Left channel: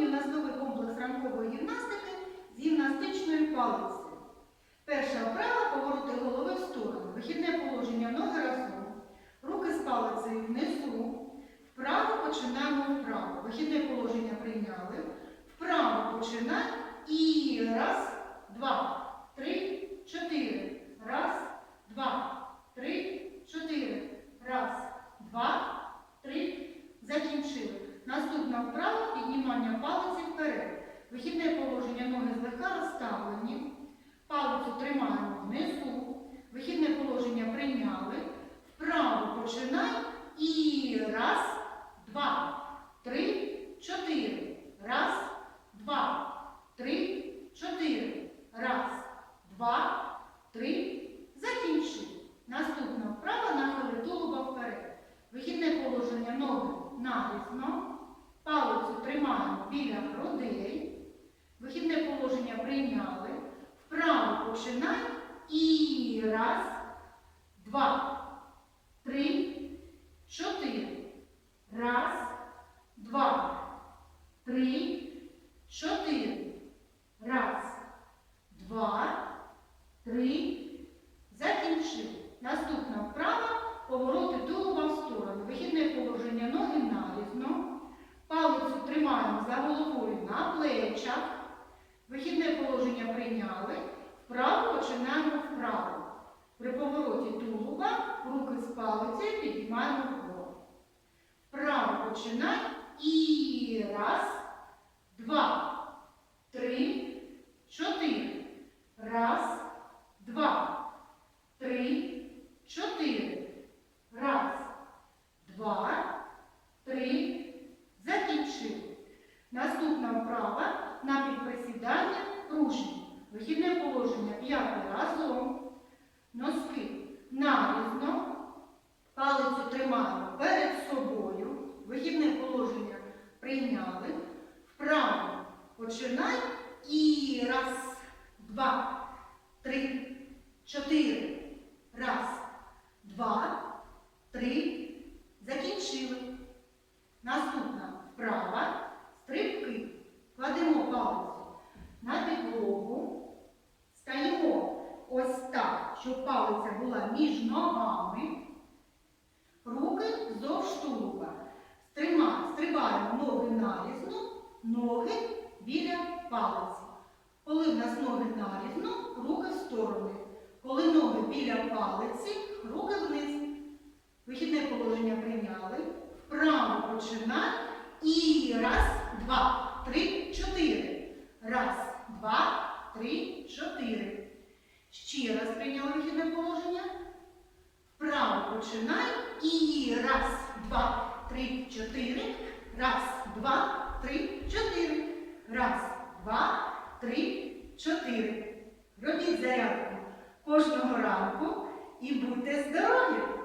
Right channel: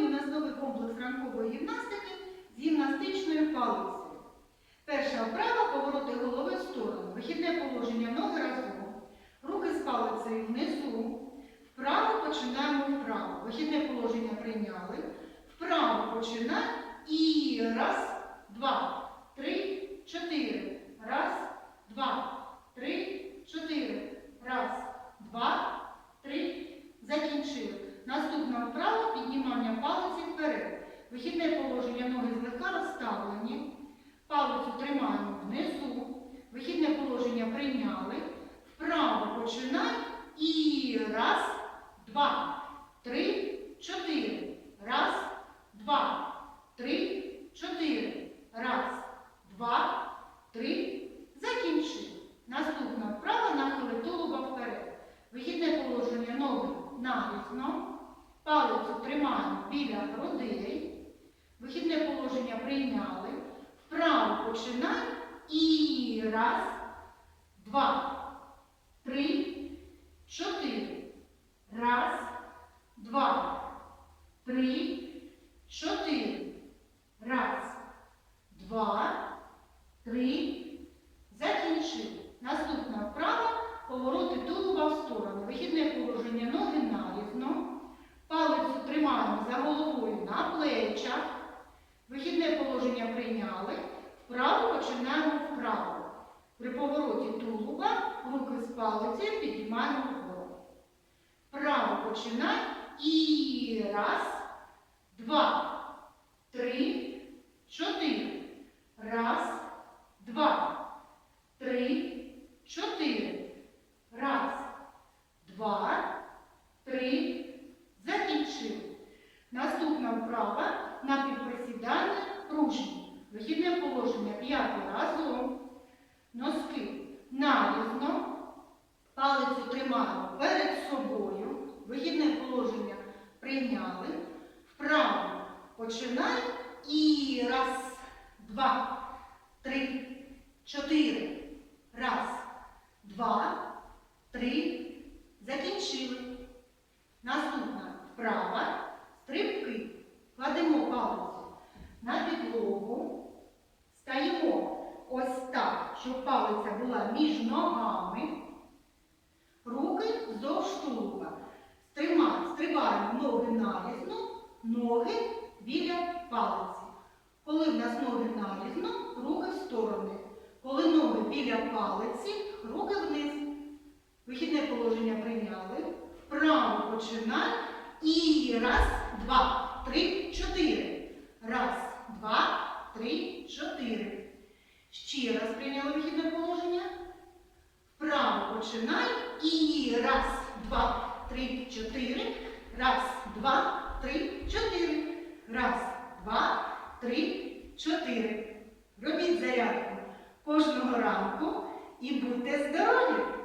Сьогодні у нас новий комплекс ранкової гімнастики з гімнастичною палицею. Перша вправа повороти голови в сторону. Вихідне положення ноги разом. Руки з палицею внизу. Вправо починаємо вправо. Вихідне положення прийняли. Вправо починай. І раз, два, три, чотири. Раз, два, три, чотири. Раз, два, три. Закінчили. Наступна вправа піднімання палиці вперед. Вихідне положення ноги злегка розставлені. Палицю тримаємо внизу. Вихідне положення прийняли. Вправо починай. І раз, два, три, чотири. Раз, два, три, чотири. Раз, два, три. Закінчили. Наступна вправа нахили тулуба вперед. Вихідне положення ноги нарізно. Тримаємо біля грудей. Вихідне положення прийняли. Вправо починай. І раз, два, три, чотири. Раз, два, три, чотири. Раз, два, три. Закінчили. Наступна вправа повороти тулуба в сторону. Вихідне положення ноги нарізно. Палицю тримаємо за головою на плечах. Вихідне положення прийняли. Вправо починаємо вправо. При повороті тулуба руки з палицею підіймаємо вгору. Вправо починай. І раз, два, три, чотири. Раз, два, три, чотири. Раз, два, три. Закінчили. Наступна вправа положення п'яти разом. Носки нарізно. Палицю тримаємо перед собою. Вихідне положення прийняли. Вправо починай. І раз, два, три, чотири. Раз, два, три. Між ногами. Руки вздовж тулуба. Стрибаємо ноги нарізно, ноги біля палиці. Коли в нас ноги нарізно, руки в сторони. Коли ноги біля палиці, руки вниз. Вихідне положення прийняли. Вправо починай. І раз, два, три, чотири. Раз, два, три, чотири. Ще раз прийняли вихідне положення. Вправо починай. І раз, два, три, чотири. Раз, два, три, чотири. Раз, два, три, чотири. Робіть зарядку кожного ранку і будьте здорові!